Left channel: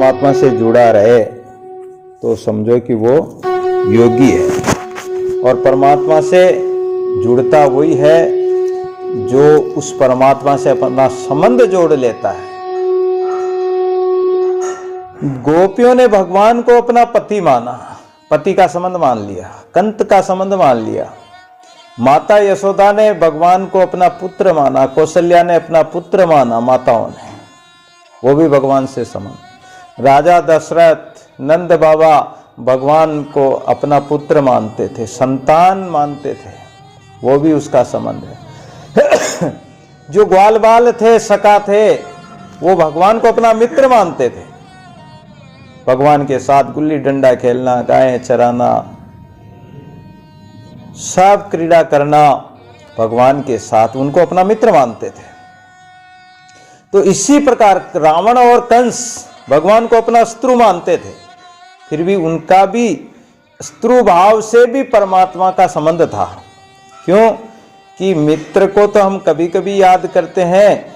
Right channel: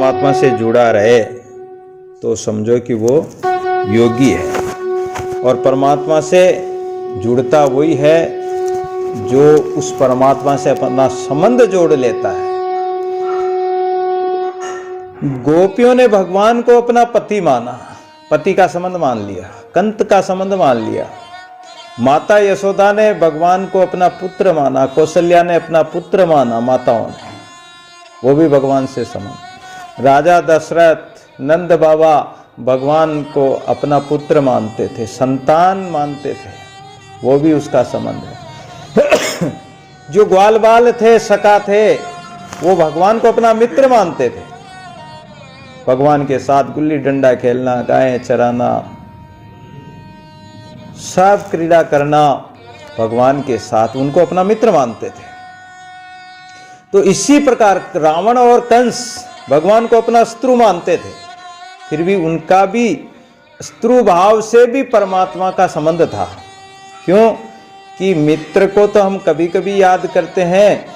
परमात्मा से जुड़ा रहे तो समझो कि वो योगी है। और परमात्मा से जुड़ता वही है जो उस परमात्मा से अपना संबंध जोड़ लेता है। गोपियों ने भगवान को अपना पति माना, पति का संबंध मान लिया, कंत का संबंध मान लिया। माता यशोदा ने भगवान को अपना पुत्र माना, कौशल्या ने अपना पुत्र माना, माताओं ने, वो भी भगवान से संबंध। राजा दशरथ, नंद बाबा भगवान को अपना पुत्र मानते थे, संतान मानते थे, वो भी उसका संबंध है। जो ग्वाल बाल थे, सखा थे, वो भगवान को अपना मित्र मानते थे। भगवान के साथ गुल्ली डंडा खेलना, गायें चराना, सब क्रीड़ा करना, भगवान के साथ उनको अपना मित्र मानते थे। तो इसी प्रकार रावण और कंस भगवान को अपना शत्रु मानते थे, फिर भी उनका भी शत्रु भाव से भी परमात्मा का संबंध था। क्यों कि मित्र को तो हम कभी कभी याद करते हैं,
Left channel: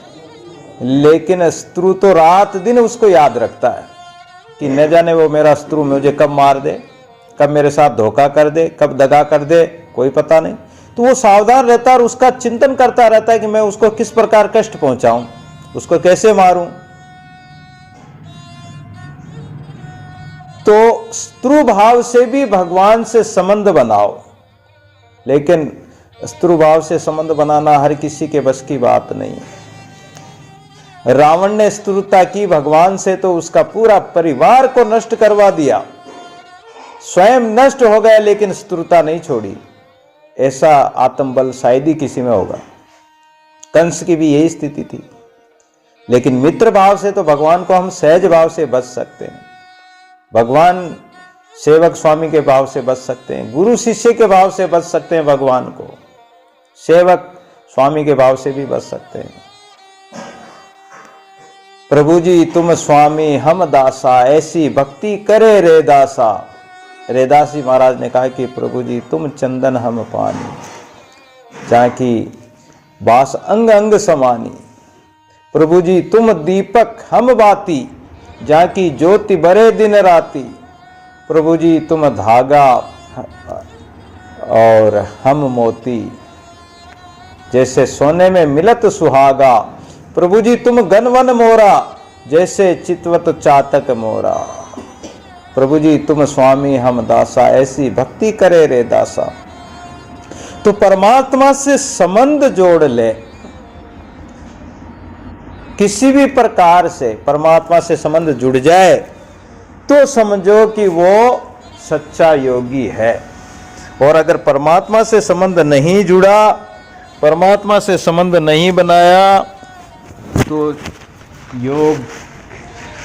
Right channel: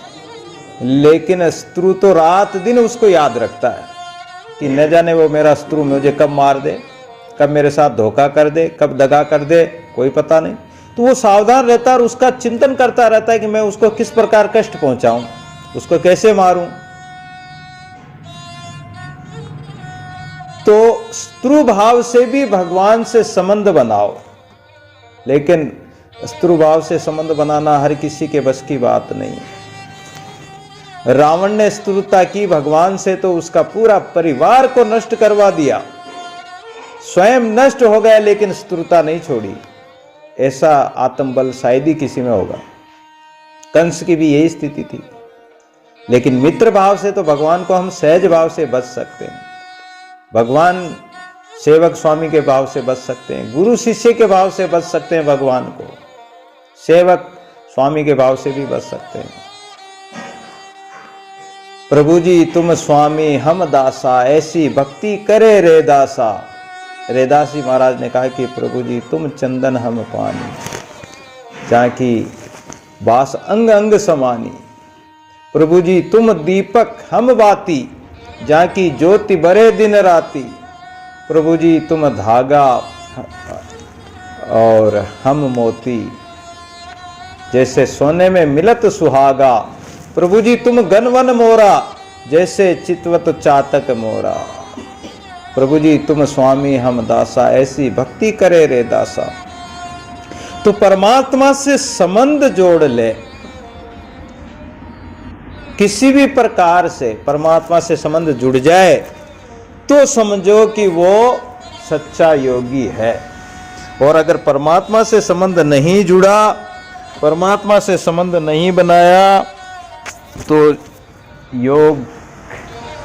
लेकिन शत्रु तो रात दिन उसको याद रखता है कि न जाने वो मेरा शत्रु मुझे कब मार दे, कब मेरे साथ धोखा कर दे, कब दगा कर दे, कोई पता नहीं। तो वो सावधान रहता है और उसका चिंतन करता रहता है कि मैं उसको किस प्रकार कष्ट पहुंचाऊं, उसको कैसे मारूं। तो शत्रु भाव से भी भगवान से संबंध बनाओ, लेकिन शत्रु भाव से संबंध बनाना हर किसी के बस की बात नहीं है। रावण ने शत्रुता की भगवान से तो उसका पूरा परिवार को नष्ट करवा दिया, स्वयं नष्ट हो गया, लेकिन शत्रुता नहीं छोड़ी। ऐसा आत्मबल शायद ही किसी में होगा। कंस की भी यही स्थिति थी। लेकिन मित्र भाव से तो भगवान को हम सहज भाव से बच सकते हैं, भगवान सेवक स्वामी के भाव से बच सकते हैं, गुरु शिष्य के भाव से बच सकते हैं, भगवान को सेवक स्वामी के भाव से भी बच सकते हैं। प्रभु जी तुम स्वामी हम दासा, ऐसी भक्ति करे रे दासा। रेदास जी महाराज ने कहा कि प्रभु जी तुम चंदन हम पानी, जाकी बास अंग अंग समानी। प्रभु जी तुम दीपक हम बाती, जाकी ज्योति बरे दिन राती। प्रभु जी तुम धागा और हम मोती, जैसे सोने में मिलत सुहागा। प्रभु जी तुम गनवन मोरा, जैसे चितवत चातक मोरा। प्रभु जी तुम स्वामी हम दासा, ऐसी भक्ति करे रे दासा। तो परमात्मा से संबंध जोड़ ले, किसी भी प्रकार से परमात्मा से संबंध जुड़ जाए तो समझो कि वो सच्चा योगी है। और अगर परमात्मा से संबंध नहीं जुड़ा, परमात्मा से संबंध नहीं बनाया, तो योग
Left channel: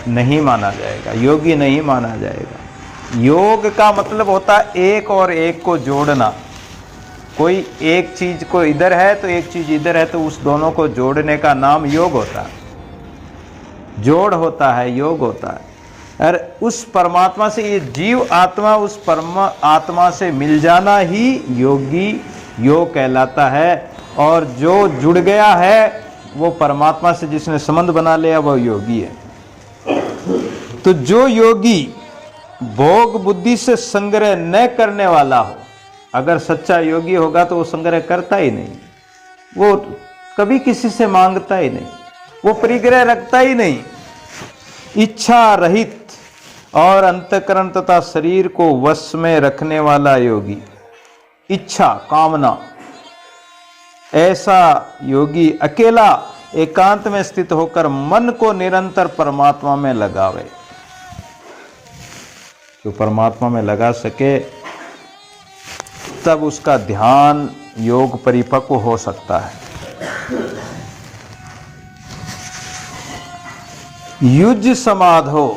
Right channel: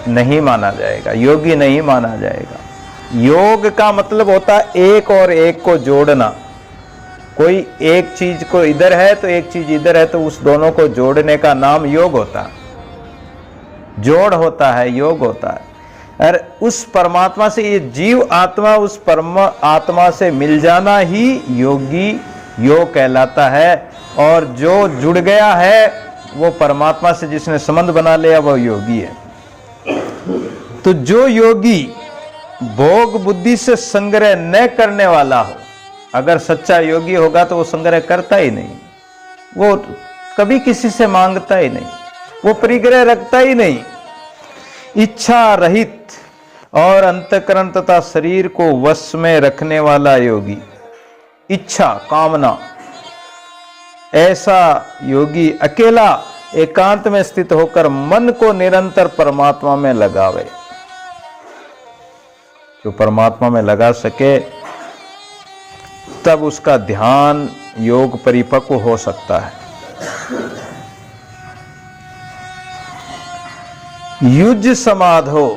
नहीं माना जाएगा, योगी नहीं माना जाएगा। योग का मतलब होता है एक और एक को जोड़ना। कोई एक चीज को इधर है तो एक चीज इधर है, तो उस दोनों को जोड़ने का नाम योग होता है, जोड़ होता है, योग होता है। और उस परमात्मा से ये जीव आत्मा उस परमात्मा से मिल जाना ही योगी योग कहलाता है। और जो जुड़ गया है वो परमात्मा से, जिसने संबंध बना लिया, वो योगी है। तो जो योगी भोग बुद्धि से संग्रह न करने वाला हो, अगर सच्चा योगी होगा तो वो संग्रह करता ही नहीं, वो कभी किसी से मांगता ही नहीं, वो परिग्रह रखता ही नहीं। इच्छा रहित और अंतःकरण तथा शरीर को वश में रखने वाला योगी, इच्छा कामना, ऐसा योगी अकेला एकांत में स्थित होकर मन को निरंतर परमात्मा में लगावे। जो परमात्मा में लगा सके तब उसका ध्यान योग परिपक्व हो सकता है। युज समाधो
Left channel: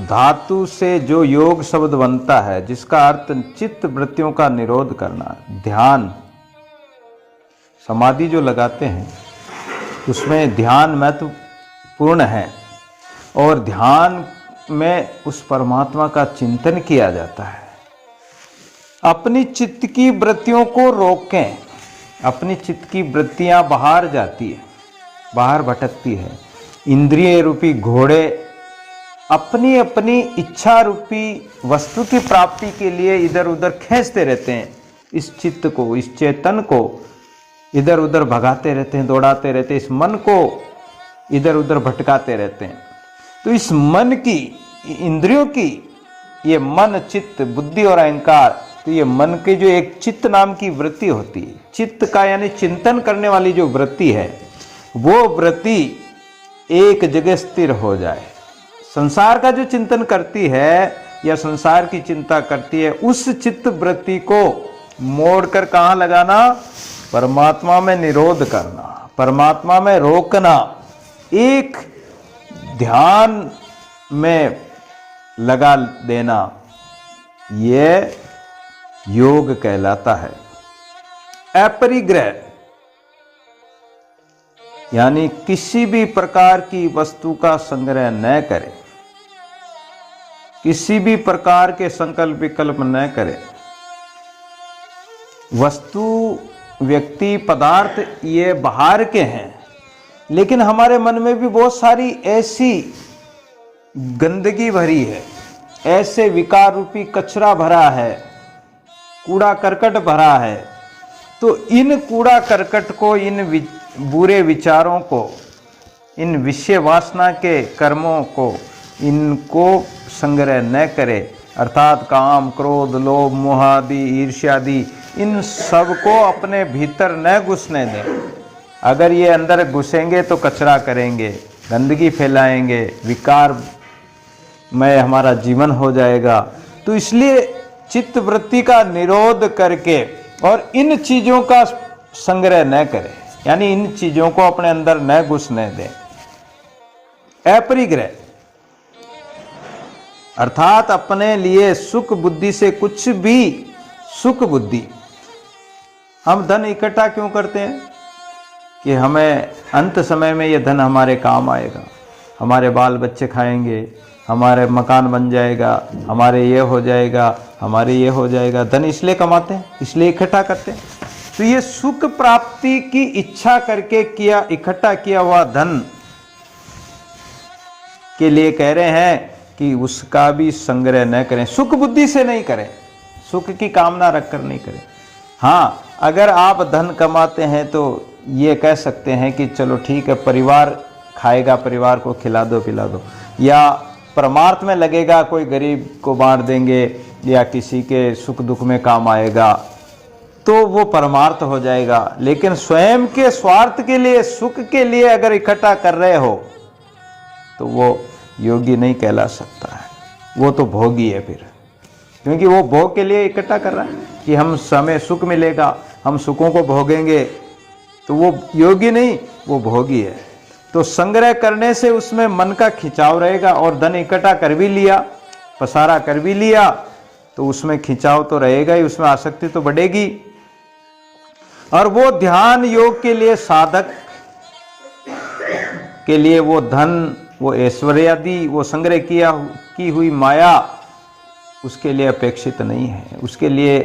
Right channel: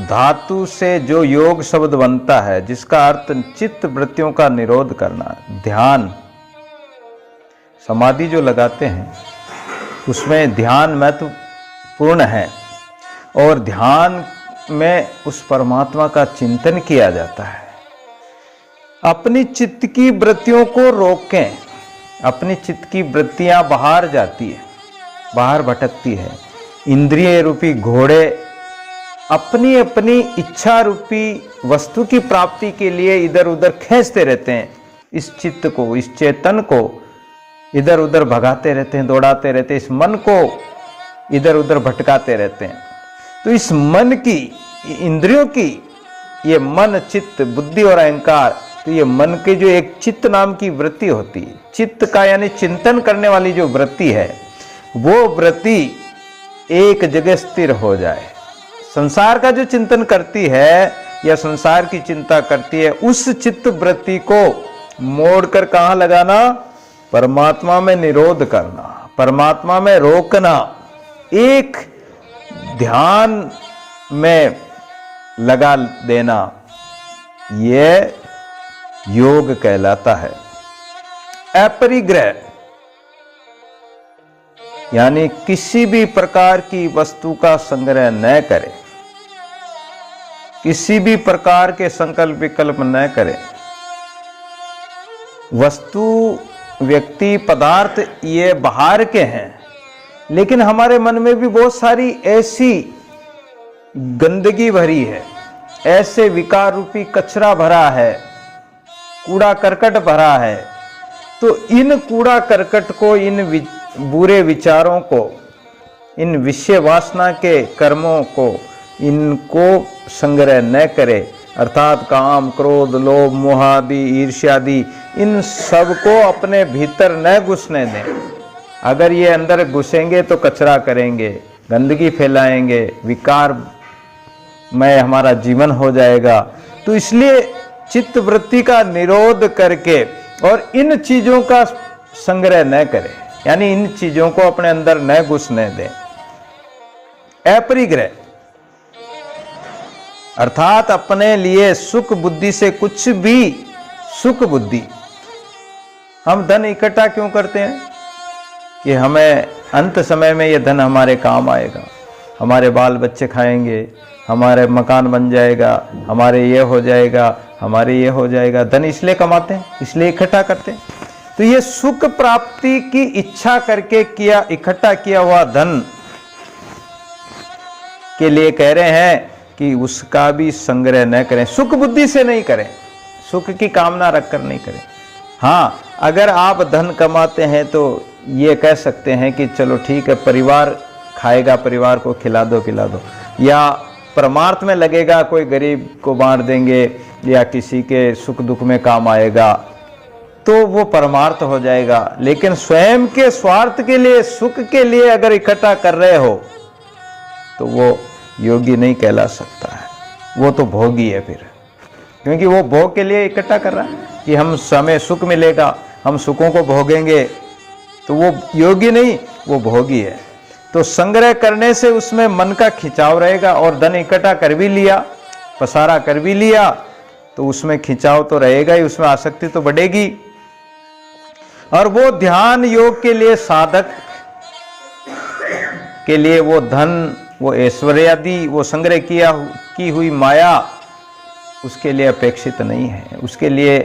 धातु से जो योग शब्द बनता है, जिसका अर्थ चित्त वृत्तियों का निरोध करना। ध्यान समाधि जो लगाते हैं उसमें ध्यान महत्वपूर्ण है, और ध्यान में उस परमात्मा का चिंतन किया जाता है। अपनी चित्त की वृत्तियों को रोकें। अपनी चित्त की वृत्तियां बाहर जाती है, बाहर भटकती है। इंद्रिय रूपी घोड़े अपनी अपनी इच्छा रूपी वस्तु की प्राप्ति के लिए इधर उधर खींचते रहते हैं। इस चित्त को, इस चेतन को इधर उधर भगाते रहते हैं, दौड़ाते रहते हैं, इस मन को इधर उधर भटकाते रहते हैं। तो इस मन की, इंद्रियों की, ये मन, चित्त, बुद्धि और अहंकार, तो ये मन की जो एक चित्त नाम की वृत्ति होती है, चित्त का यानी चिंतन करने वाली जो वृत्ति है, वो वृत्ति एक जगह स्थिर हो जाए। संसार का जो चिंतन करती है या संसार की चिंता करती है, उस चित्त वृत्ति को मोड़कर कहां लगाना? परमात्मा में निरोध करना, परमात्मा में रोकना, एक ध्यान में लगा देना, यह योग कहलाता है। अपरिग्रह यानी किसी भी प्रकार की वस्तु का संग्रह न करे, किसी भी प्रकार के संकल्प विकल्प न करे। वस्तु, व्यक्ति, पदार्थ ये बाहर के हैं, लेकिन हमारे मन में भी बहुत सारी ऐसी गंदगी भरी है, ऐसे विकार रूपी कचरा भरा है, कूड़ा करकट भरा है। तो इन कूड़ा करकट को, इन बुरे विचारों को, इन विषय वासना के कर्मों को, इनको संग्रह न करे, अर्थात काम, क्रोध, लोभ, मोह आदि, ईर्ष्यादि, इन सब को अपने भीतर न घुसने दें। अगर ये अंदर घुसेंगे तो कचरा करेंगे, गंदगी फैलाएंगे, विकार में हमारा जीवन हो जाएगा। तो इसलिए चित्त वृत्ति का निरोध करके और इन चीजों का संग्रह न करें, यानी इन चीजों को अपने अंदर न घुसने दें। अपरिग्रह अर्थात अपने लिए सुख बुद्धि से कुछ भी, सुख बुद्धि, हम धन इकट्ठा क्यों करते हैं? कि हमें अंत समय में यह धन हमारे काम आएगा, हमारे बाल बच्चे खाएंगे, हमारे मकान बन जाएगा, हमारे ये हो जाएगा, हमारे ये हो जाएगा। धन इसलिए कमाते हैं, इसलिए इकट्ठा करते हैं। तो ये सुख प्राप्ति की इच्छा करके किया, इकट्ठा किया हुआ धन के लिए कह रहे हैं कि उसका भी संग्रह न करें, सुख बुद्धि से नहीं करें, सुख की कामना रखकर नहीं करें। हाँ, अगर आप धन कमाते हैं तो ये कह सकते हैं कि चलो ठीक है, परिवार खाएगा, परिवार को खिला दो पिला दो, या परमार्थ में लगेगा, कोई गरीब को बांट देंगे या किसी के सुख दुख में काम आएगा, तो वो परमार्थ हो जाएगा। लेकिन स्वयं के स्वार्थ के लिए, सुख के लिए अगर इकट्ठा कर रहे हो तो वो योगी नहीं कहला सकता है, वो तो भोगी है फिर, क्योंकि वो भोग के लिए इकट्ठा कर रहा है कि हम समय सुख मिलेगा, हम सुखों को भोगेंगे, तो वो योगी नहीं, वो भोगी है। तो संग्रह करने से उसमें मन का खिंचाव रहेगा, और धन इकट्ठा कर भी लिया, पसारा कर भी लिया, तो उसमें खिंचाव तो रहेगा ही, उसमें आसक्ति तो बढ़ेगी। और वो ध्यान योग के लिए, साधक के लिए वो धन, वो ऐश्वर्य आदि, वो संग्रह की हुई माया उसके लिए अपेक्षित नहीं है, उसके लिए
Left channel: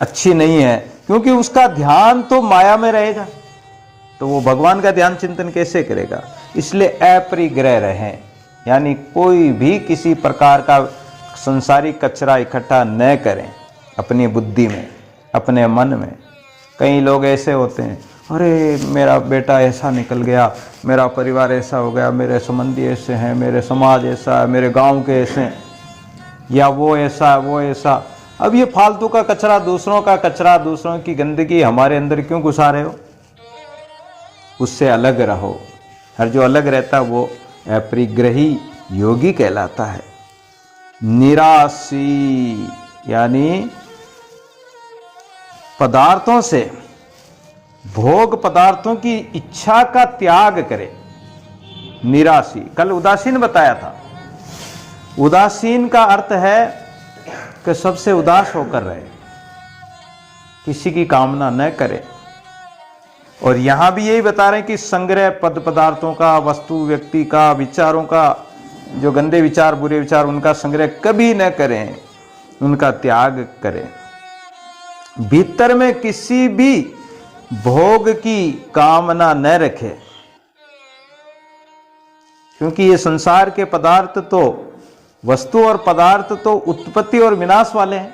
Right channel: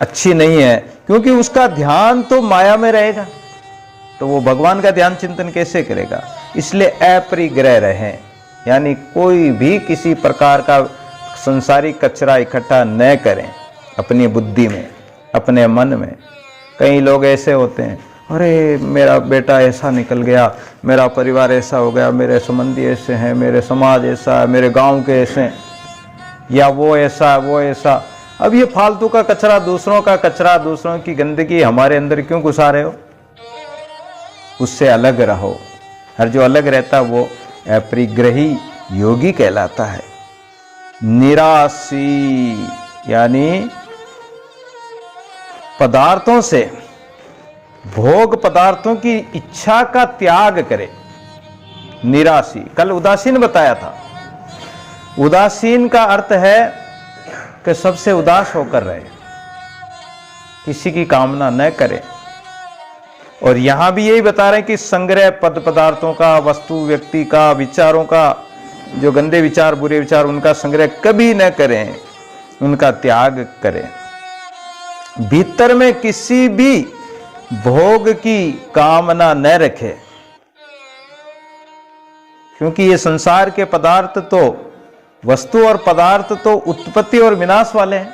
अच्छी नहीं है, क्योंकि उसका ध्यान तो माया में रहेगा, तो वो भगवान का ध्यान चिंतन कैसे करेगा? इसलिए अपरिग्रह रहें, यानी कोई भी किसी प्रकार का संसारिक कचरा इकट्ठा न करें अपनी बुद्धि में, अपने मन में। कई लोग ऐसे होते हैं, अरे मेरा बेटा ऐसा निकल गया, मेरा परिवार ऐसा हो गया, मेरे संबंधी ऐसे हैं, मेरे समाज ऐसा है, मेरे गांव के ऐसे हैं, या वो ऐसा वो ऐसा। अब ये फालतू का कचरा, दूसरों का कचरा, दूसरों की गंदगी हमारे अंदर क्यों घुसा रहे हो? उससे अलग रहो। हर जो अलग रहता है वो अपरिग्रही योगी कहलाता है। निराशी यानी पदार्थों से, भोग पदार्थों की इच्छा का त्याग करे। निराशी, कल उदासीन बताया था। उदासीन का अर्थ है कि सबसे उदास होकर रहे, किसी की कामना न करे। और यहां भी यही बता रहे हैं कि संग्रह पद पदार्थों का, वस्तु व्यक्ति का, विचारों का, जो गंदे विचार, बुरे विचार, उनका संग्रह कभी न करें, उनका त्याग करें। भीतर में किसी भी भोग की कामना न रखे, क्योंकि ये संसार के पदार्थ तो वस्तु और पदार्थ तो उत्पत्ति और विनाश वाले हैं,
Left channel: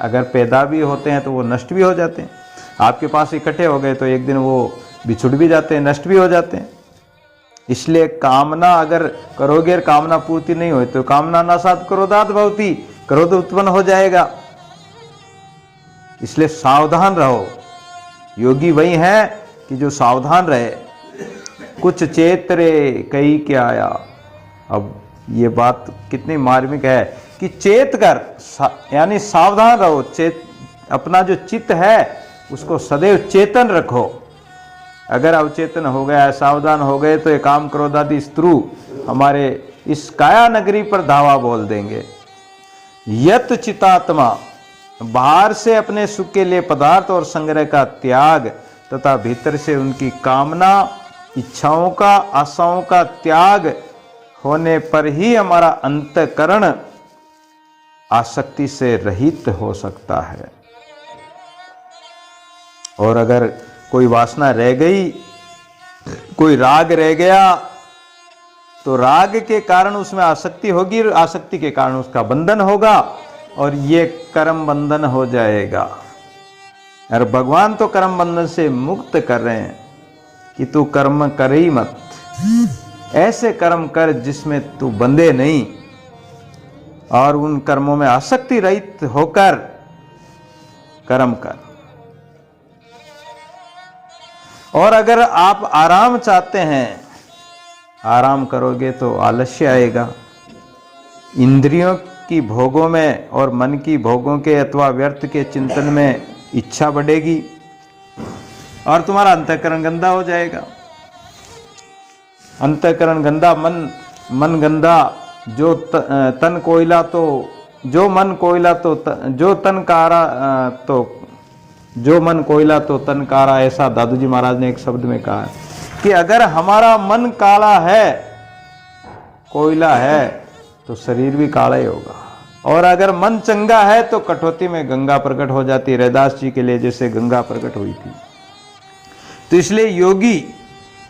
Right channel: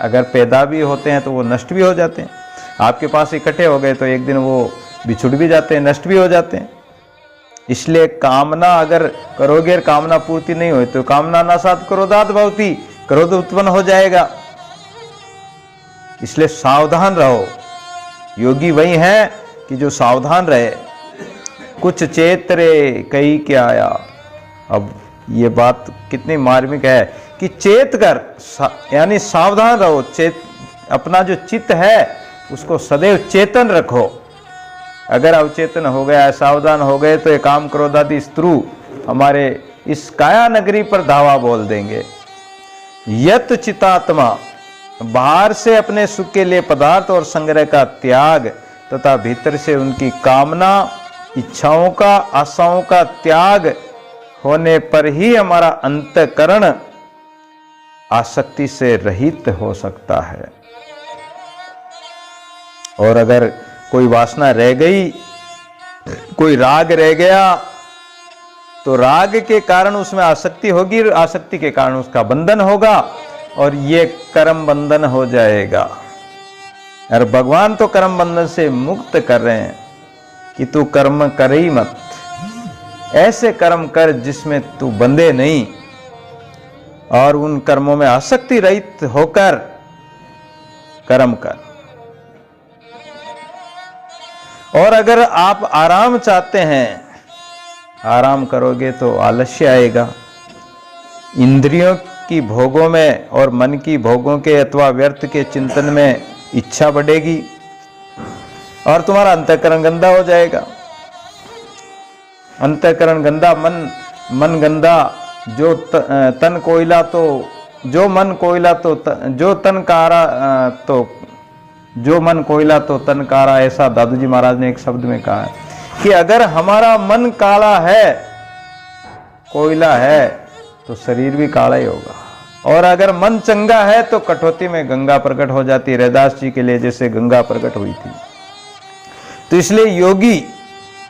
अगर पैदा भी होते हैं तो वो नष्ट भी हो जाते हैं। आपके पास इकट्ठे हो गए तो एक दिन वो बिछुड़ भी जाते हैं, नष्ट भी हो जाते हैं। इसलिए कामना अगर करोगे, कामना पूर्ति नहीं हुई तो कामना नासात क्रोधात भवति, क्रोध उत्पन्न हो जाएगा। इसलिए सावधान रहो। योगी वही है कि जो सावधान रहे। कुछ चेतरे कई क्या आया। अब ये बात कितनी मार्मिक है कि चेत कर, यानी सावधान रहो। चेत, अपना जो चित्त है उसको सदैव चेतन रखो। अगर अवचेतन हो गया, सावधान हो गए तो ये काम क्रोधादि शत्रु हमारे इस काया नगरी पर धावा बोल देंगे। यत चितात्मा, बाहर से अपने सुख के लिए पदार्थ और संग्रह का त्याग तथा भीतर से उनकी कामना, इच्छाओं का, आशाओं का त्याग होने पर ही हमारा अंतःकरण आसक्ति से रहित हो सकता है। और अगर कोई वासना रह गई, कोई राग रह गया, तो राग के कारण उसमें आसक्ति होगी, आसक्ति के कारण उसका बंधन होगा और ये कर्म बंधन हो जाएगा। और भगवान तो कर्म बंधन से मुक्त कर रहे हैं कि तू कर्म कर ही मत, ऐसे कर्म कर जिसमें तू बंधे नहीं और उन कर्मों में आसक्ति रहित होकर कर्म कर। और अगर आप आराम चाहते हैं, आराम करोगे तो आलस्य आएगा, इंद्रियों की भोगों में और मन की भोगों के अथवा व्यर्थ के चिंतन में इच्छा बढ़ेगी और तुम्हारा अंतःकरण गंदा हो जाएगा। अंतःकरण गंदा, मन गंदा, जो तन कोयला तो जो मन कोयला तो जो तन कारा तो जो मन कोयला तो तन कारा, ऐसा दादू जी महाराज ने एक शब्द में कहा है कि अगर हमारा मन काला है, कोयला है, तो शरीर भी काला ही होगा। और अगर मन चंगा है तो कठौती में गंगा प्रकट हो जाती है, रैदास जी के लिए जैसे गंगा प्रकट हुई थी। तो इसलिए योगी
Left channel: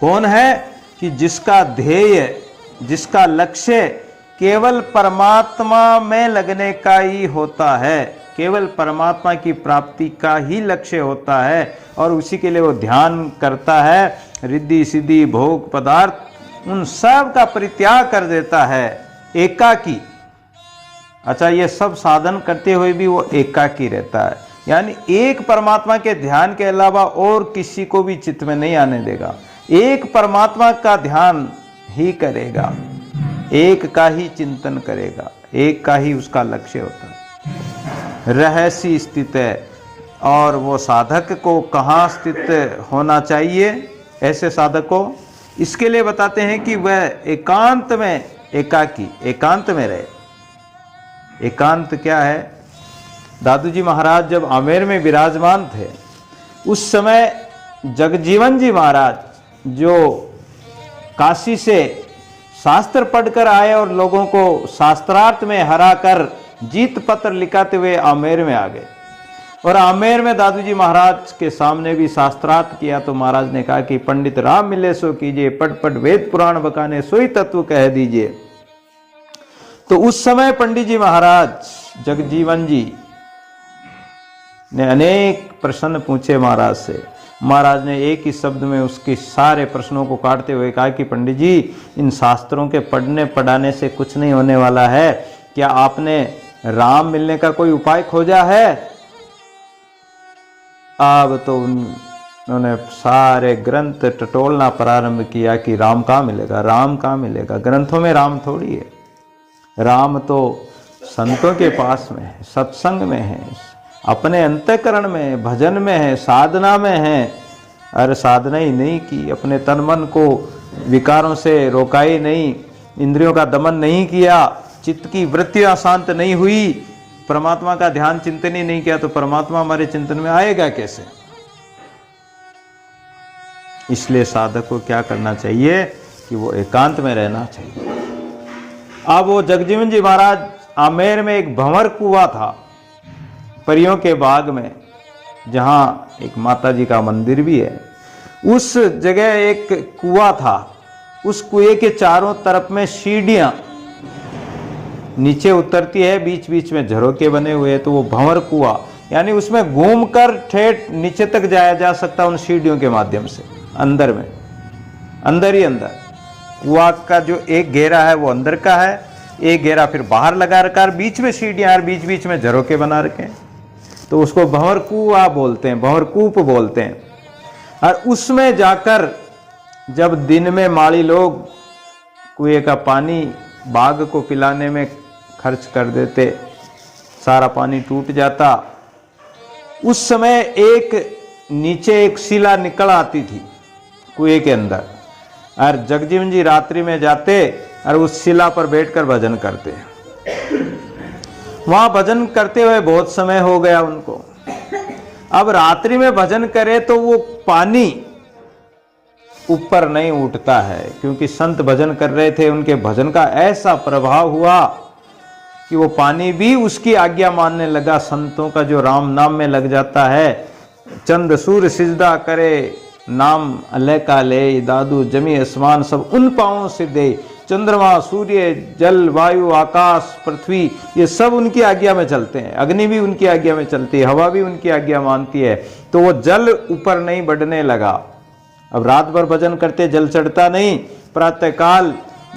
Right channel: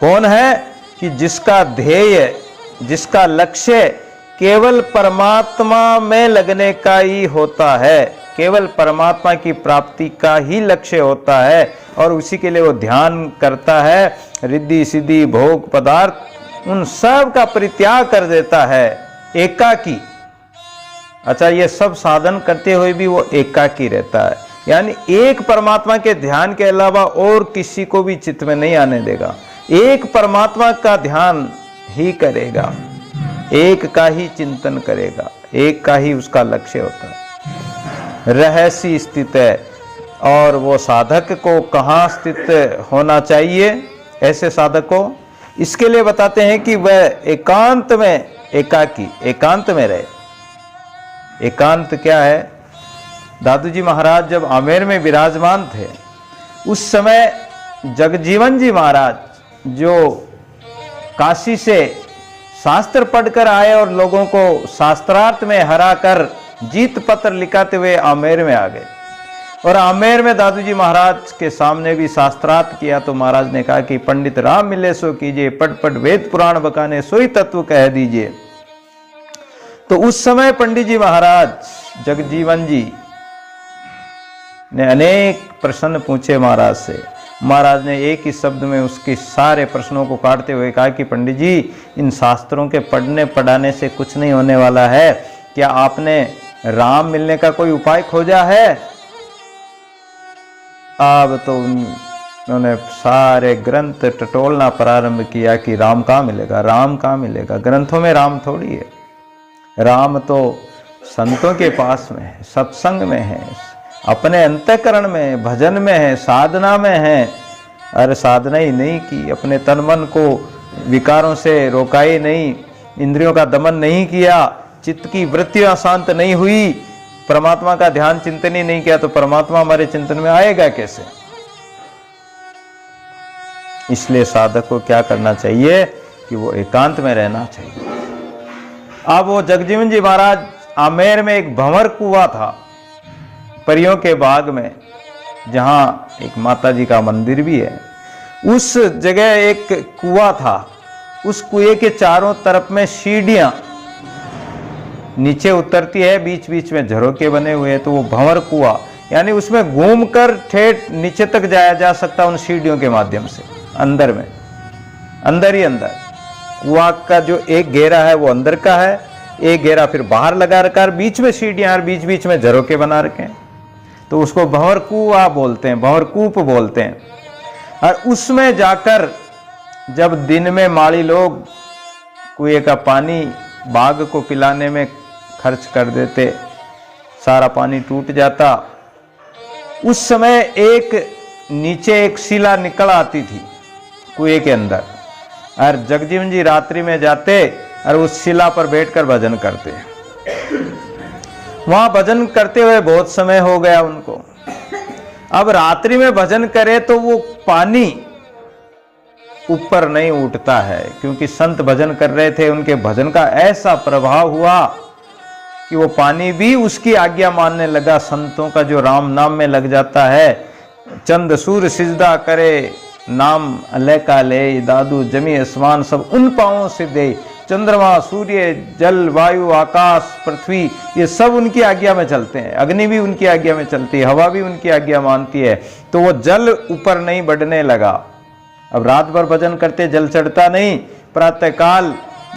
कौन है कि जिसका ध्येय, जिसका लक्ष्य केवल परमात्मा में लगने का ही होता है, केवल परमात्मा की प्राप्ति का ही लक्ष्य होता है और उसी के लिए वो ध्यान करता है। रिद्धि सिद्धि भोग पदार्थ उन सब का परित्याग कर देता है, एकाकी। अच्छा, ये सब साधन करते हुए भी वो एकाकी रहता है, यानी एक परमात्मा के ध्यान के अलावा और किसी को भी चित्त में नहीं आने देगा। एक परमात्मा का ध्यान ही करेगा, एक का ही चिंतन करेगा, एक का ही उसका लक्ष्य होता है। रहस्य स्थित है। और वो साधक को कहाँ स्थित होना चाहिए? ऐसे साधक को इसके लिए बताते हैं कि वह एकांत में, एकाकी, एकांत में रहे। एकांत क्या है? दादू जी महाराज जब आमेर में विराजमान थे उस समय जगजीवन जी महाराज जो काशी से शास्त्र पढ़कर आए और लोगों को शास्त्रार्थ में हरा कर जीत पत्र लिखाते हुए आमेर में आ गए। और आमेर में दादू जी महाराज के सामने भी शास्त्रार्थ किया तो महाराज ने कहा कि पंडित राम मिले सो कीजिए, पट पट वेद पुराण बकाने सोई तत्व कह दीजिए। तो उस समय पंडित जी महाराज जगजीवन जी ने अनेक प्रश्न पूछे महाराज से। महाराज ने एक ही शब्द में उसके सारे प्रश्नों को काटते हुए कहा कि पंडित जी, इन शास्त्रों के पढ़ने पढ़ाने से कुछ नहीं होने वाला है। क्या आपने राम मिलने का कोई उपाय खोजा है? अब तो उन्होंने सारे ग्रंथ टटोलना प्रारंभ किया कि राम कहाँ मिलेगा, राम कहाँ मिलेगा। ग्रंथों में राम थोड़ी है, राम तो संतों के पास में है, सत्संग में है, अपने अंतःकरण में, भजन में है, साधना में है। अरे साधना ही नहीं की, अपने तन मन को विकारों से रोका ही नहीं, इंद्रियों का दमन नहीं किया, चित्त की वृत्तियां शांत नहीं हुई, परमात्मा का ध्यान चिंतन ही नहीं किया, तो परमात्मा हमारे चिंतन में आएगा कैसे? इसलिए साधक को क्या करना चाहिए कि वो एकांत में रहना चाहिए। अब वो जगजीवन जी महाराज आमेर में एक भंवर कुआं था परियों के बाग में, जहां एक माता जी का मंदिर भी है। उस जगह एक कुआं था, उस कुएं के चारों तरफ में सीढ़ियां, नीचे उतरती है, बीच बीच में झरोके बने हुए हैं, तो वो भंवर कुआं, यानी उसमें घूमकर ठेठ नीचे तक जाया जा सकता उन सीढ़ियों के माध्यम से। अंदर में, अंदर ही अंदर कुआं का जो एक घेरा है वो अंदर का है, एक घेरा फिर बाहर लगा रखा है, बीच में सीढ़ियां और बीच बीच में झरोके बना रखे हैं, तो उसको भंवर कुआं बोलते हैं, भंवर कूप बोलते हैं। और उसमें जाकर जब दिन में माली लोग कुएं का पानी बाघ को पिलाने में खर्च कर देते, सारा पानी टूट जाता, उस समय एक नीचे एक शिला निकल आती थी कुएं के अंदर, और जगजीवन जी रात्रि में जाते और उस शिला पर बैठकर भजन करते। वहां भजन करते हुए बहुत समय हो गया उनको। अब रात्रि में भजन करे तो वो पानी ऊपर नहीं उठता है, क्योंकि संत भजन कर रहे थे, उनके भजन का ऐसा प्रभाव हुआ कि वो पानी भी उसकी आज्ञा मानने लगा। संतों का जो राम नाम में लग जाता है, चंद सूर्य सिजदा करे नाम अल्लाह का ले, दादू जमी आसमान सब उन पांवों से दे, चंद्रमा सूर्य जल वायु आकाश पृथ्वी ये सब उनकी आज्ञा में चलते हैं, अग्नि भी उनकी आज्ञा में चलती है, हवा भी उनकी आज्ञा मानती है, तो वो जल ऊपर नहीं बढ़ने लगा। अब रात भर भजन करते, जल चढ़ता नहीं, प्रातःकाल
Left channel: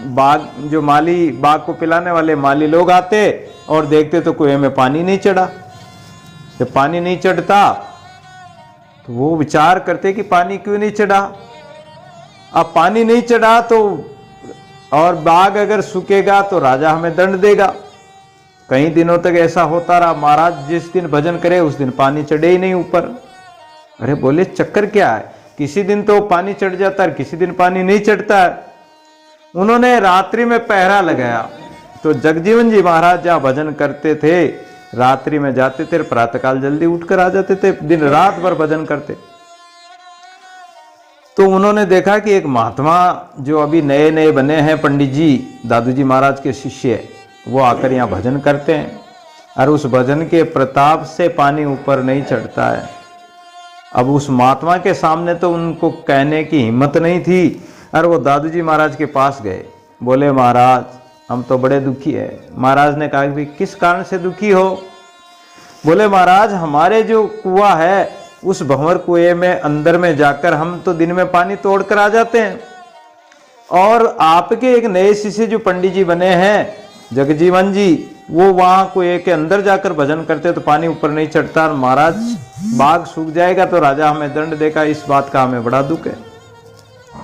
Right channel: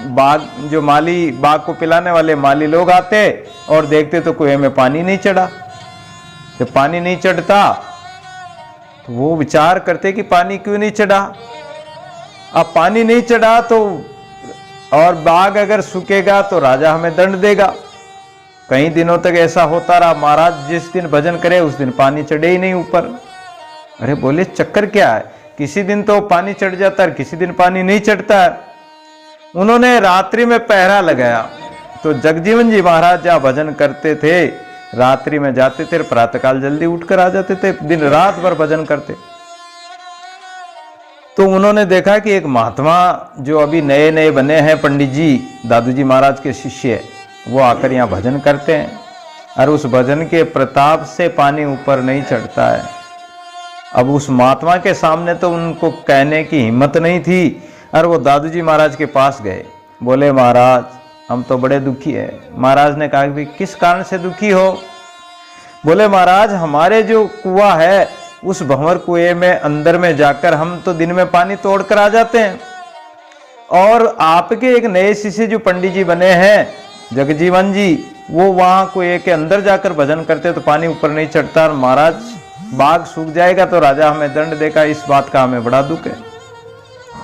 बाघ जो माली बाघ को पिलाने वाले माली लोग आते और देखते तो कुएं में पानी नहीं चढ़ा। जब पानी नहीं चढ़ता तो वो विचार करते कि पानी क्यों नहीं चढ़ा। अब पानी नहीं चढ़ा तो और बाघ अगर सूखेगा तो राजा हमें दंड देगा। कई दिनों तक ऐसा होता रहा। महाराज जिस दिन भजन करे उस दिन पानी चढ़े ही नहीं ऊपर। अरे बोले चक्कर क्या है, किसी दिन तो पानी चढ़ जाता है, किसी दिन पानी नहीं चढ़ता है। उन्होंने रात्रि में पहरा लगाया। तो जगजीवन जी महाराज जहाँ भजन करते थे, रात्रि में जाते थे, प्रातःकाल जल्दी उठकर आ जाते थे, दिन रात भर भजन करते। तो उन्होंने देखा कि एक महात्मा जो अभी नए नए बने हैं, पंडित जी दादू जी महाराज के शिष्य, वो आकर यहाँ भजन करते हैं और उस भजन के प्रताप से पानी ऊपर नहीं चढ़ता है। अब उस महात्मा के सामने तो उनको कहने की हिम्मत नहीं थी और वो दादू जी महाराज के पास गए। बोले महाराज हम तो बड़े दुखी है। महाराज ने कहा कि किस कारण से दुखी हो। बोले महाराज हमारे जो कुआं है उस भंवर कुएं में अंदर में जाकर हम तो दिन में पानी तोड़कर आ जाते हैं, और आपके एक नए शिष्य जो पंडित जी बने हैं जगजीवन जी, वो वहां कुएं के अंदर जाकर भजन करते तो पानी ऊपर नहीं चढ़ता। और महाराज बाघ सूख जाएगा तो राजा हमें दंड देगा, इस बात का हमें बड़ा दुख है।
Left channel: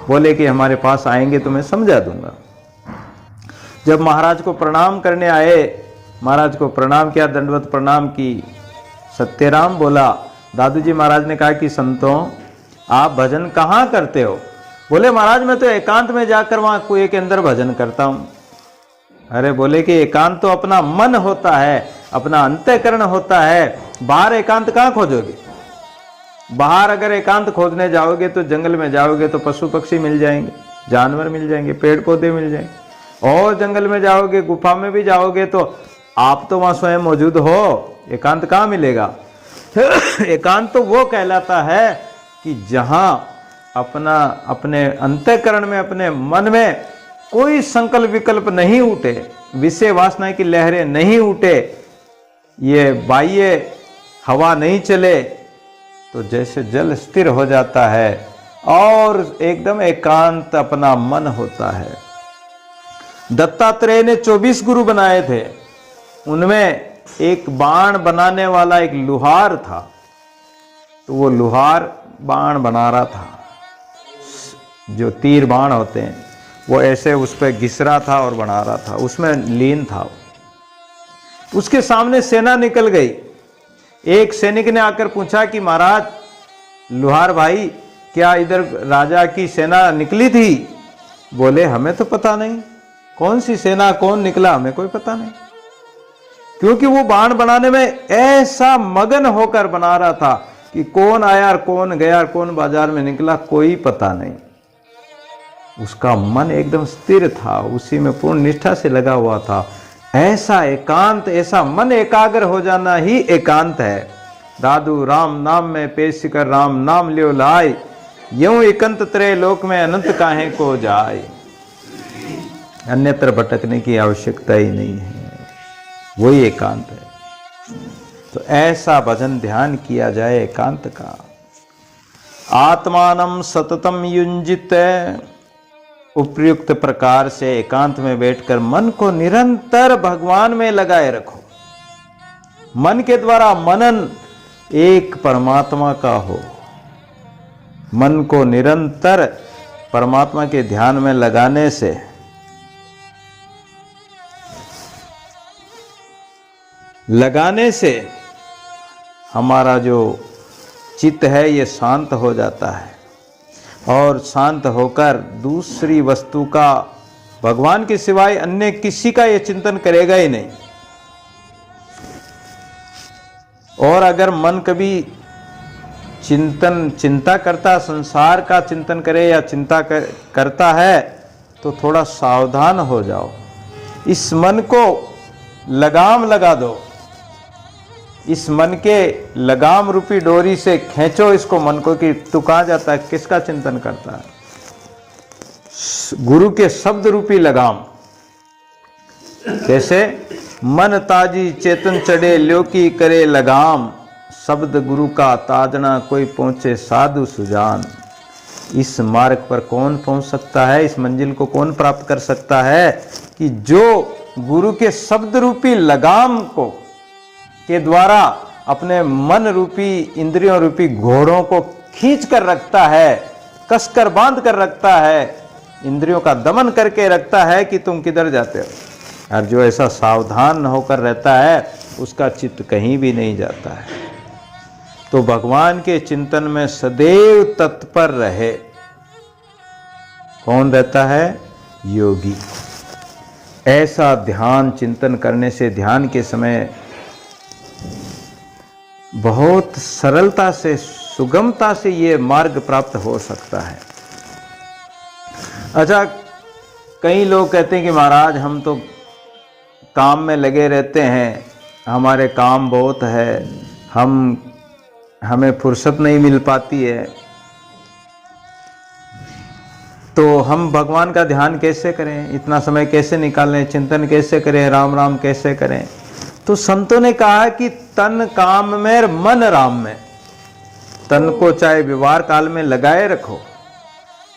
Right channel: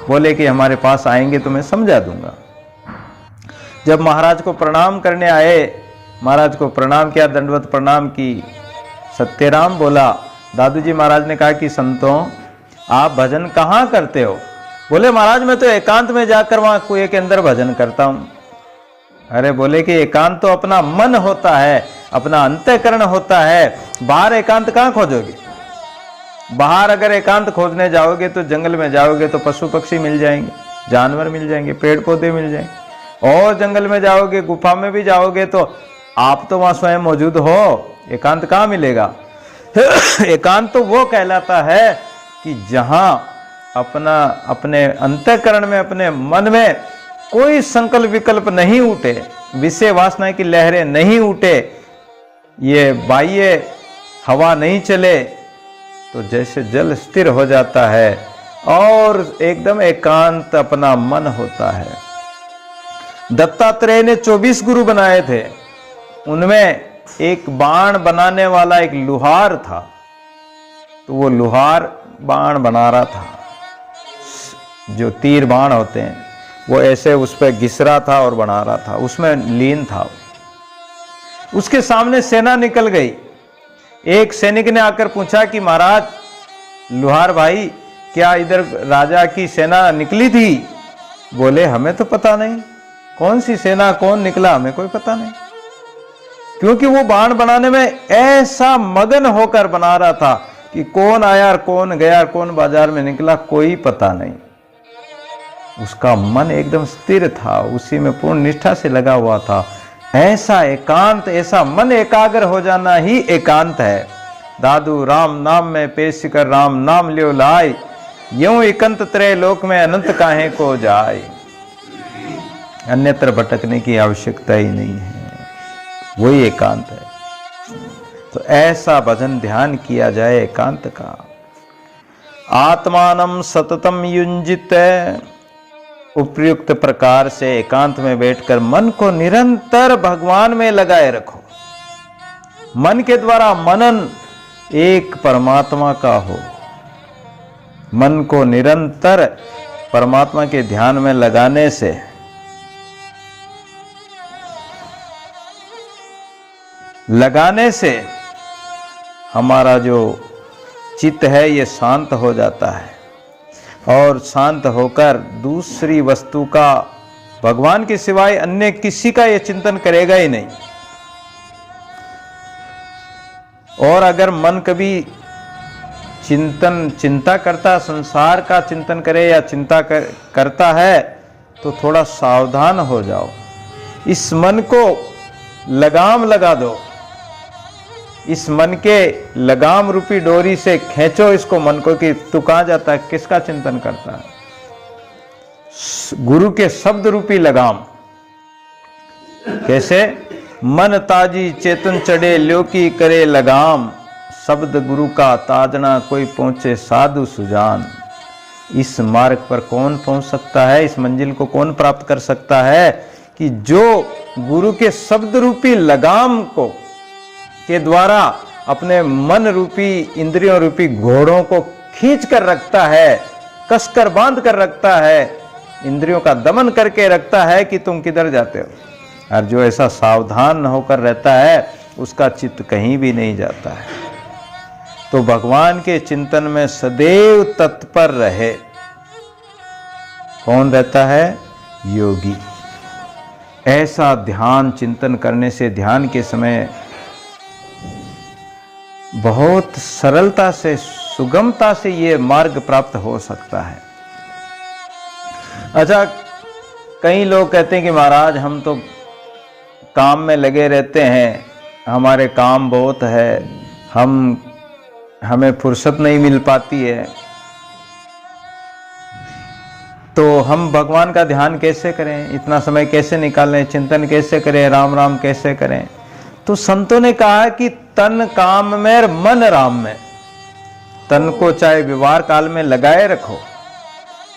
बोले कि हमारे पास आएंगे तो मैं समझा दूंगा। जब महाराज को प्रणाम करने आए, महाराज को प्रणाम किया, दंडवत प्रणाम की। सत्यराम बोला। दादू जी महाराज ने कहा कि संतों आप भजन कहाँ करते हो। बोले महाराज मैं तो एकांत में जाकर वहां कुएं के अंदर भजन करता हूं। अरे बोले कि एकांत तो अपना मन होता है, अपना अंतःकरण होता है, बाहर एकांत कहाँ खोजोगे। बाहर अगर एकांत खोजने जाओगे तो जंगल में जाओगे तो पशु पक्षी मिल जाएंगे, जानवर मिल जाएंगे, पेड़ पौधे मिल जाएंगे। और जंगल में जाओगे, गुफा में भी जाओगे तो आप तो वहां स्वयं मौजूद हो, एकांत कहाँ मिलेगा। एकांत तो वो कहलाता है कि जहां अपना अपने अंतःकरण में, अपने मन में कोई संकल्प विकल्प नहीं उठे, विषय वासना की लहरें नहीं उठे, ये बाह्य हवा नहीं चले, तो जैसे जल स्थिर हो जाता है और एकदम एकांत अपना मन होता है। दत्तात्रेय ने 24 गुरु बनाए थे, उनमें एक बाण बनाने वाला एक लुहार था। तो वो लुहार बाण बना रहा था, जो तीर बाण होते हैं वो ऐसे उस पर घिस रहा था और बना रहा था, उसमें लीन था। उसके सामने सेना निकल गई। एक सैनिक ने आकर पूछा कि महाराज लुहार भाई क्या इधर राजा की सेना निकली थी। बोले हमें तो पता नहीं, कौन सी सेना कौन निकला हमें कोई पता नहीं, क्योंकि वो बाण बनाने में ऐसा मगन होकर बना रहा था कि कौन आया और कौन गया और कौन बाजार में निकला कोई पता नहीं। उसका मन एकदम स्थिर था, उसी में पूर्ण निष्ठा से लगा हुआ था। ऐसा एकांत, ऐसा मन एकाग्र हो जाना ही एकांत है। दादू राम नाम में पेश कर राम नाम लियो लाए, यूं एकांत त्रय लोक में अनंत काहे को जाए। अन्यत्र भटकने की आवश्यकता ही नहीं है। वही एकांत है। तो ऐसा भजन ध्यान किया जाए एकांत का। आत्मानम सततम युंजित, उपयुक्त प्रकार से एकांत में बैठकर मन को निरंतर भगवान में लगाए रखो। मन के द्वारा मनन एक परमात्मा का हो। मन को निरंतर परमात्मा के ध्यान में लगाने से हमारा जो चित्त है ये शांत हो जाता है और शांत होकर दूसरी वस्तु का, भगवान के सिवाय अन्य किसी का ये चिंतन करेगा ही नहीं। और अगर मन कभी चिंता करता, संसार का चिंतन करे या चिंता करता है तो थोड़ा सावधान हो जाओ। इस मन को लगाम लगा दो, इस मन के लगाम रूपी डोरी से खींचो इसको, मन को, कि तू कहां जाता है, किसका चिंतन करता है। गुरु के शब्द रूपी लगाम। कैसे? मन ताजी चेतन चढ़े ल्योकी करे लगाम, शब्द गुरु का ताजना कोई पहुंचे साधु सुजान। इस मार्ग पर कौन पहुंच सकता है, इस मंजिल को कौन प्राप्त कर सकता है कि जो गुरु के शब्द रूपी लगाम को के द्वारा अपने मन रूपी, इंद्रियों रूपी घोड़ों को खींच कर रखता है, कसकर बांध कर रखता है, इंद्रियों का दमन करके रखता है कि तुम किधर जाते हो। और जो ऐसा सावधान होकर रहता है उसका चित्त कहीं भी नहीं जाता है। तो भगवान के चिंतन में सदैव तत्पर रहे। कौन रहता है? योगी। ऐसा ध्यान चिंतन करने से ध्यान के समय बहुत सरलता से, सुगमता से ये मार्ग प्राप्त हो सकता है। अच्छा, कई लोग कहते हैं कि महाराज हम तो काम में लगे रहते हैं, हमारे काम बहुत है, हमें फुर्सत नहीं मिल पाती है, तो हम भगवान का ध्यान कैसे करें, इतना समय कैसे निकालें, चिंतन कैसे करें, राम राम कैसे करें। तो संतों ने कहा कि तन काम में और मन राम में। तन को चाहे व्यवहार काल में लगाए रखो।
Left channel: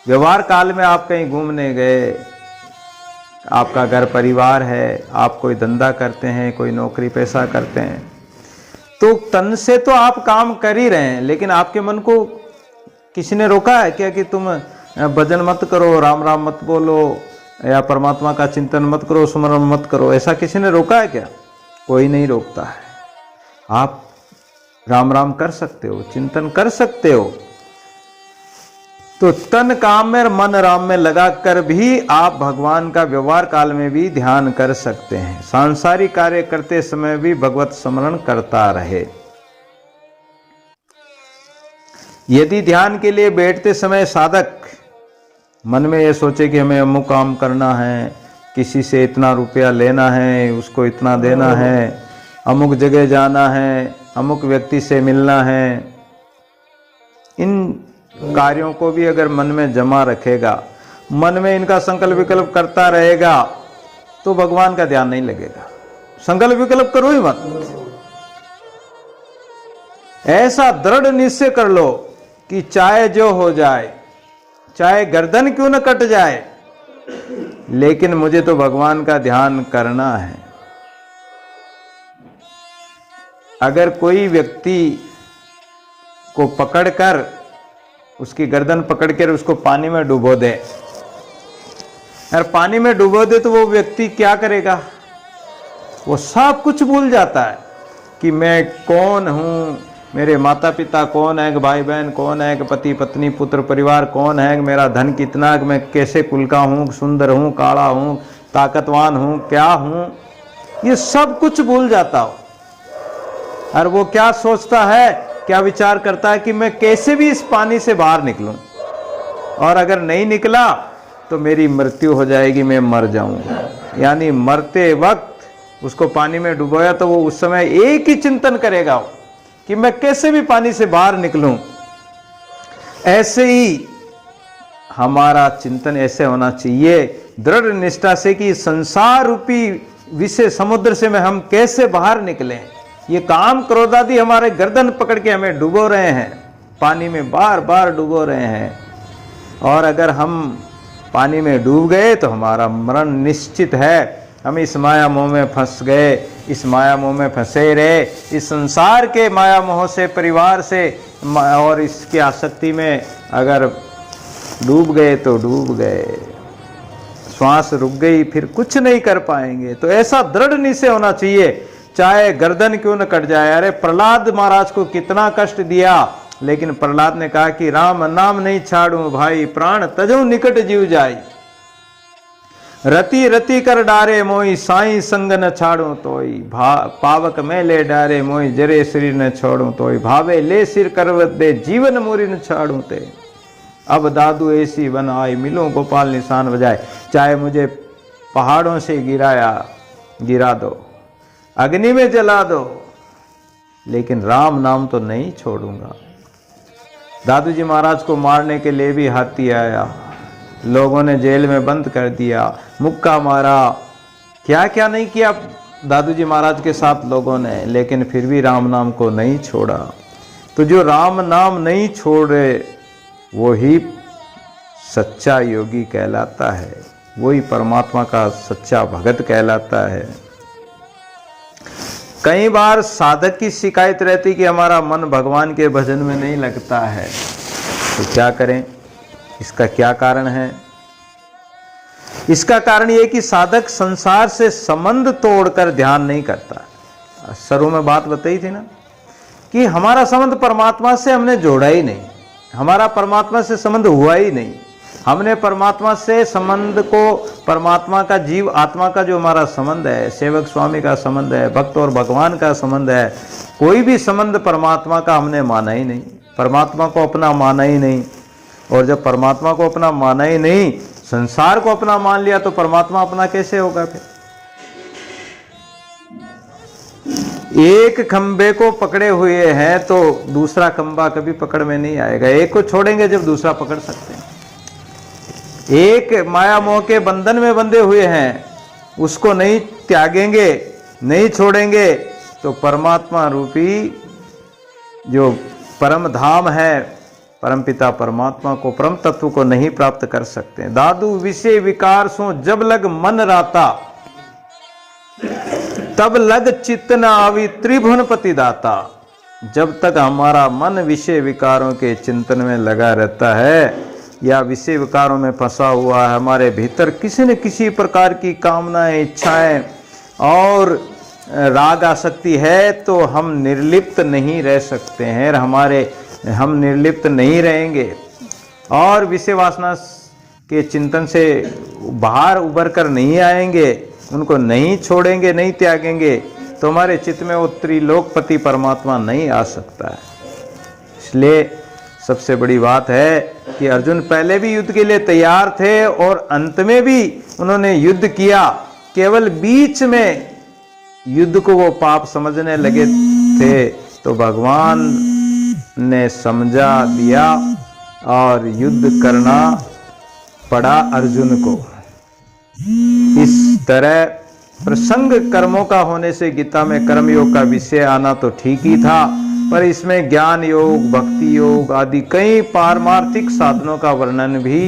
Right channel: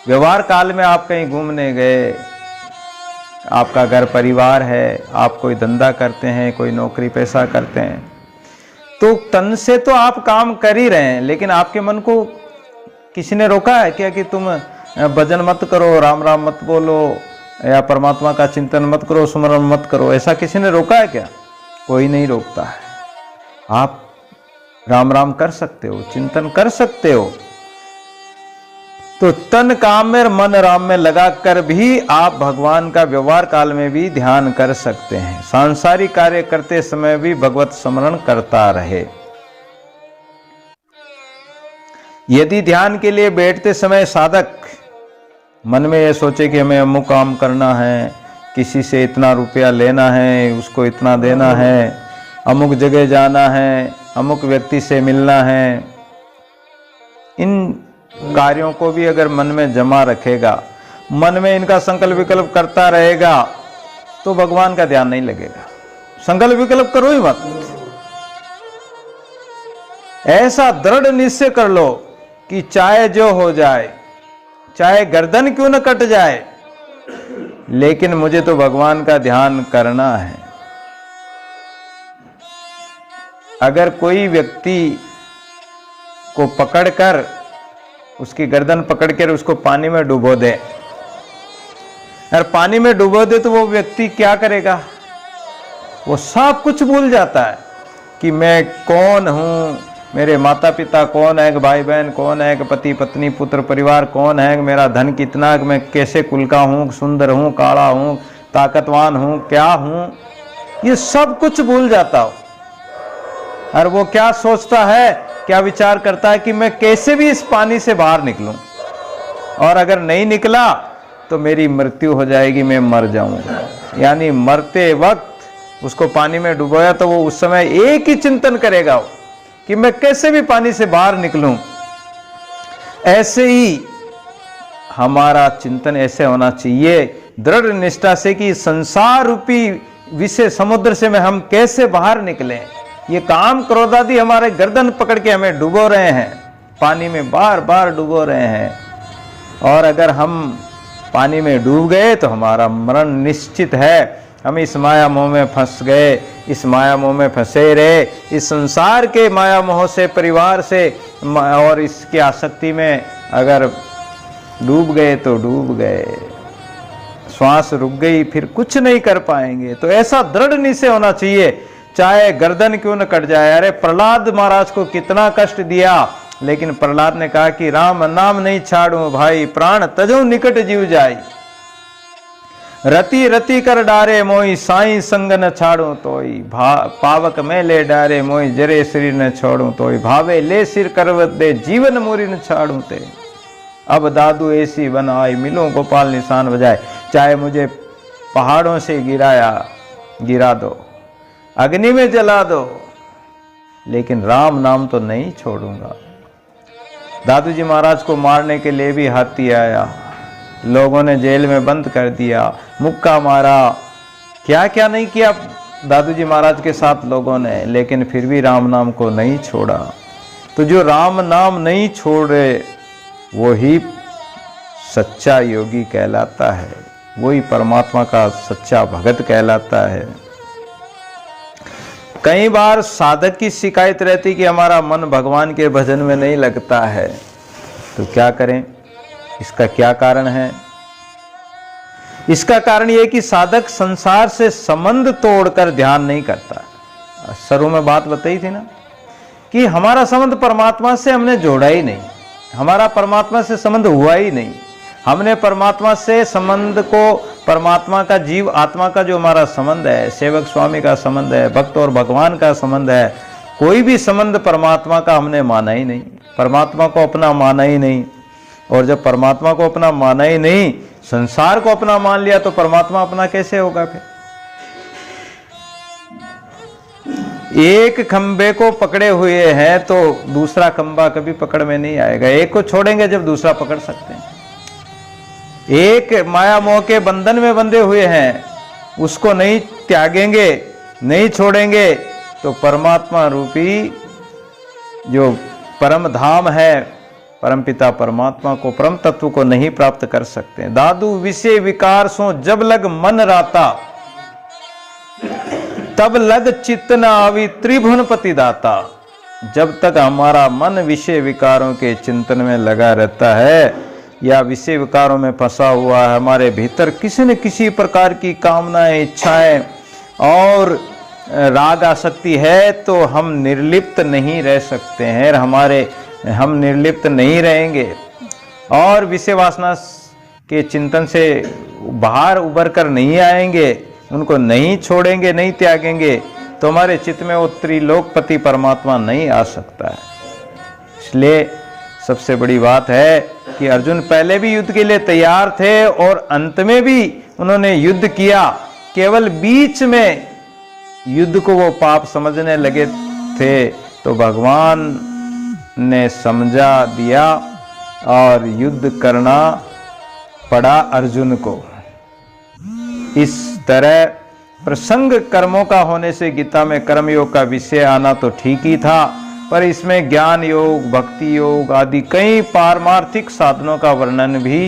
व्यवहार काल में आप कहीं घूमने गए, आपका घर परिवार है, आप कोई धंधा करते हैं, कोई नौकरी पेशा करते हैं, तो तन से तो आप काम कर ही रहे हैं, लेकिन आपके मन को किसी ने रोका है क्या कि तुम भजन मत करो, राम राम मत बोलो, या परमात्मा का चिंतन मत करो, स्मरण मत करो? ऐसा किसी ने रोका है क्या? कोई नहीं रोकता है। आप राम राम कर सकते हो, चिंतन कर सकते हो। तो तन काम में और मन राम में लगाकर भी आप भगवान का व्यवहार काल में भी ध्यान कर सकते हैं। सांसारिक कार्य करते समय भी भगवत स्मरण करता रहे। यदि ध्यान के लिए बैठते समय साधक मन में यह सोचे कि हमें अमुक काम करना है, किसी से इतना रुपया लेना है, उसको इतना देना है, अमुक जगह जाना है, अमुक व्यक्ति से मिलना है, इन कार्यों को भी अगर मन में जमा रखेगा, मन में इनका संकल्प विकल्प करता रहेगा, तो भगवान का ध्यान नहीं लगेगा। संकल्प विकल्प करो ही मत। ऐसा दृढ़ निश्चय कर लो कि चाहे जो हो जाए, चाहे गर्दन क्यों न कट जाए, लेकिन मुझे तो भगवान का ध्यान करना है। अगर कोई व्यक्ति को पकड़कर, उसकी गर्दन पकड़कर उसको पानी में डुबो दे, और पानी में डुबो दे, तो वो व्यक्ति क्या करेगा? वो सब कुछ भूल जाता है कि मैं कौन हूं, मेरे माता पिता कौन है, भाई बहन कौन है, पति पत्नी पुत्र परिवार कौन है, मेरा धन कितना, मैं कैसे कुल का हूं, सुंदर हूं, काला हूं, ताकतवान हूं, क्या हूं, ये सब कुछ भूल जाता हो। और वो क्या सोचता है, क्या विचार करता है कि मैं कैसे भी इस पानी से बाहर निकलूं, और अगर नहीं निकला तो मेरी मृत्यु हो जाएगी, मैं मर जाऊंगा। यानी मरते वक्त उसको पानी में डुबोया तो वो उस समय एक ही चिंतन करेगा कि मैं कैसे भी पानी से बाहर निकलूं। ऐसे ही हमारा चिंतन ऐसे होना चाहिए, दृढ़ निष्ठा से कि संसार रूपी विषय समुद्र से में हम कैसे बाहर निकलें? ये काम क्रोध आदि हमारे गर्दन पकड़ के हमें डुबो रहे हैं, पानी में बार बार डुबो रहे हैं। और अगर हम पानी में डूब गए तो हमारा मरण निश्चित है। हम इस माया मोह में फंस गए, इस माया मोह में फंसे रहे, इस संसार के माया मोह से, परिवार से और इसकी आसक्ति में अगर डूब गए तो डूब गए। श्वास रुक गई, फिर कुछ नहीं कर पाएंगे। तो ऐसा दृढ़ निश्चय होना चाहिए, चाहे गर्दन क्यों न कट जाए। अरे प्रहलाद महाराज को कितना कष्ट दिया, लेकिन प्रहलाद ने कहा कि राम नाम नहीं छाड़ू भाई, प्राण तजो निकट जीव जाई। रति रति कर डारे मोई, साई संग न छाड़ू तोई। पावक में ले डारे मोई, जरे शरीर न छोड़ू तोई। भावे ले सिर करवत दे, जीवन मोरी न छाड़ू ते। अब दादू ऐसी बन आई, मिलो गोपाल निशान बजाए। चाहे मुझे पहाड़ों से गिरा दो, अग्नि में जला दो, लेकिन राम नाम तो नहीं छोड़ूंगा। दादू जी महाराज को मारने के लिए भी हाथी आया, लोगों ने जेल में बंद कर दिया, मुक्का मारा, क्या क्या नहीं किया दादू जी महाराज के साथ लोगों ने, लेकिन फिर भी राम नाम को नहीं छोड़ा। तो जो राम नाम नहीं छोड़े वही सच्चा योगी कहलाता है, वही परमात्मा का सच्चा भगत कहलाता है। कई बार साधक की शिकायत रहती कि हमारा मन भगवान के भजन में नहीं लगता है, तो क्या करें? इसका क्या कारण है? इसका कारण यह कि साधक संसार से संबंध तोड़कर ध्यान नहीं करता। शुरू में बात बताई थी ना कि हमारा संबंध परमात्मा से हमने जोड़ा ही नहीं, हमारा परमात्मा से संबंध हुआ ही नहीं। हमने परमात्मा से संबंध को, परमात्मा का जीव आत्मा का जो हमारा संबंध है, सेवक स्वामी का संबंध है, भक्त और भगवान का संबंध है, कोई भी संबंध परमात्मा का हमने माना ही नहीं, परमात्मा को अपना माना ही नहीं। और जब परमात्मा को अपना माना ही नहीं, संसार को अपना मान लिया, तो परमात्मा अपना कैसे होगा? फिर एक खंबे को पकड़े हुए हैं तो दूसरा खंबा कभी पकड़ में नहीं आएगा। एक को छोड़ेंगे जब दूसरा पकड़ सकते हैं। एक माया मोह के बंधन में बंधे हुए हैं, उसको नहीं त्यागेंगे, नहीं छोड़ेंगे, तो परमात्मा रूपी जो परम धाम है, परमपिता परमात्मा को, परम तत्व को नहीं प्राप्त कर सकते। दादू विषय विकार सो जब लग मन राता, तब लग चित्त न आवी त्रिभुवन पति दाता। जब तक हमारा मन विषय विकारों के चिंतन में लगा रहता है या विषय विकारों में फंसा हुआ है, हमारे भीतर किसी न किसी प्रकार की कामनाएं, इच्छाएं और राग आसक्ति है, तो हम निर्लिप्त नहीं रह सकते हैं। हम निर्लिप्त नहीं रहेंगे और विषय वासना के चिंतन से बाहर उबर कर नहीं आएंगे, उनको नहीं छोड़ेंगे, नहीं त्यागेंगे, तो हमारे चित्त में वो त्रिलोकपति परमात्मा नहीं आ सकता है। इसलिए सबसे बड़ी बात है कि अर्जुन पहले भी युद्ध के लिए तैयार थे और अंत में भी उन्होंने युद्ध किया। केवल बीच में युद्ध को वो पाप समझने लगे थे, तो भगवान ने समझा दिया और युद्ध करना पड़ा अर्जुन को। इस तरह प्रसंग कर्मों का होने से गीता में कर्मयोग का विषय आना तो ठीक ही था, पर इसमें ज्ञान योग, भक्ति योग आदि कई पारमार्थिक साधनों का वर्णन भी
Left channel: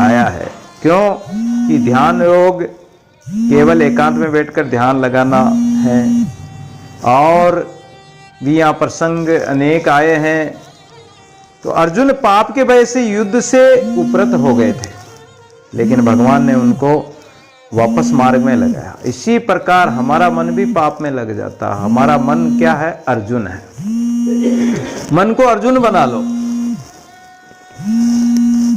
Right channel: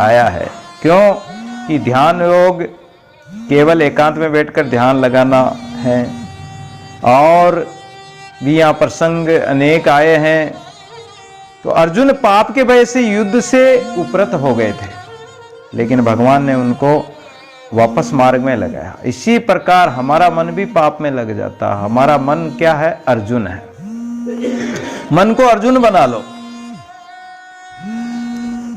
आया है। क्यों कि ध्यान योग केवल एकांत में बैठकर ध्यान लगाना है, और भी यहाँ प्रसंग अनेक आए हैं। तो अर्जुन पाप के वजह से युद्ध से उपरत हो गए थे, लेकिन भगवान ने उनको वापस मार्ग में लगाया। इसी प्रकार हमारा मन भी पाप में लग जाता। हमारा मन क्या है? अर्जुन है। मन को अर्जुन बना लो।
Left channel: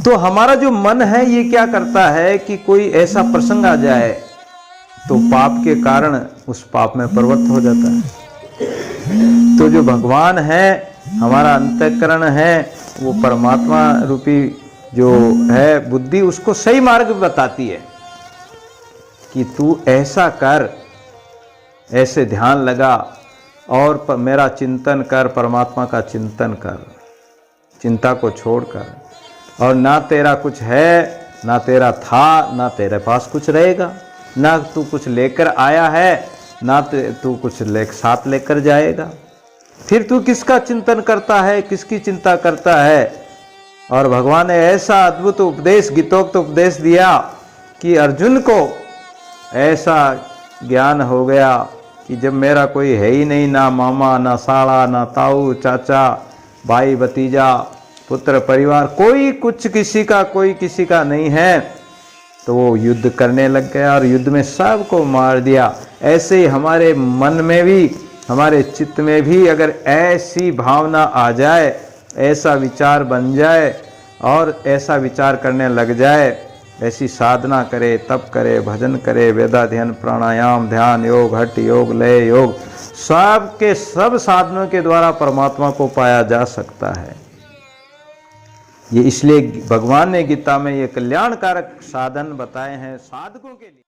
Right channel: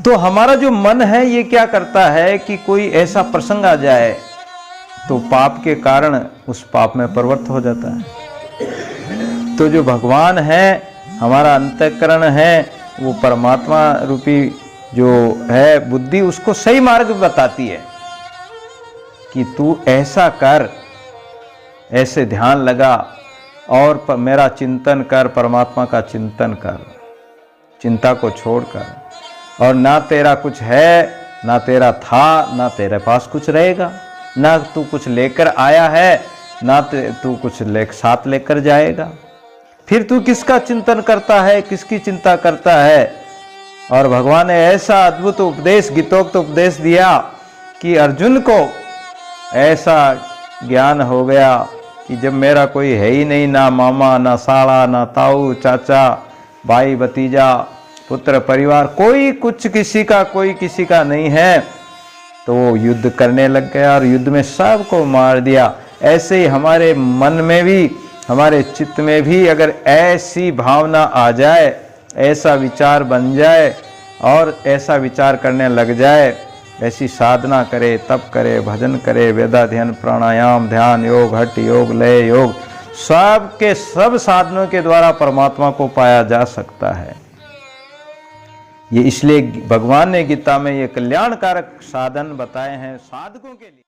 तो हमारा जो मन है ये क्या करता है कि कोई ऐसा प्रसंग आ जाए तो पाप के कारण उस पाप में प्रवृत्त हो जाता है। तो जो भगवान है, हमारा अंतःकरण है, वो परमात्मा रूपी जो है बुद्धि, उसको सही मार्ग बताती है कि तू ऐसा कर, ऐसे ध्यान लगा और मेरा चिंतन कर, परमात्मा का चिंतन कर, चिंता को छोड़कर। और ना तेरा कुछ है, ना तेरा था, ना तेरे पास कुछ रहेगा। ना तू कुछ लेकर आया है, ना तू कुछ साथ लेकर जाएगा। फिर तू किसका चिंतन करता है, किसकी चिंता करता है? और भगवान ने ऐसा अद्भुत उपदेश, गीतोक्त उपदेश दिया कि अर्जुन को ऐसा ज्ञान हो गया कि जब मेरा कोई है ही नहीं, ना मामा, ना साला, ना ताऊ, चाचा, भाई, भतीजा, पुत्र, परिवार, कोई कुछ किसी का, कोई किसी का नहीं है, तो वो युद्ध करने लग गया और युद्ध में सबको मार दिया। ऐसे ही हमारे मन में भी, हमारे चित्त में भी अगर ऐसी भावना आ जाए, ऐसा विचार बन जाए और ऐसा विचार करने लग जाए, ऐसी साधना करे, तप करे, भजन करे, वेदाध्ययन, प्राणायाम, ध्यान, योग, हठ योग, लय योग, सब के सब साधनों के द्वारा परमात्मा को पाया जा सकता है। ये इसलिए भगवान ने गीता में ये कल्याणकारक साधन बताए हैं साधकों के लिए।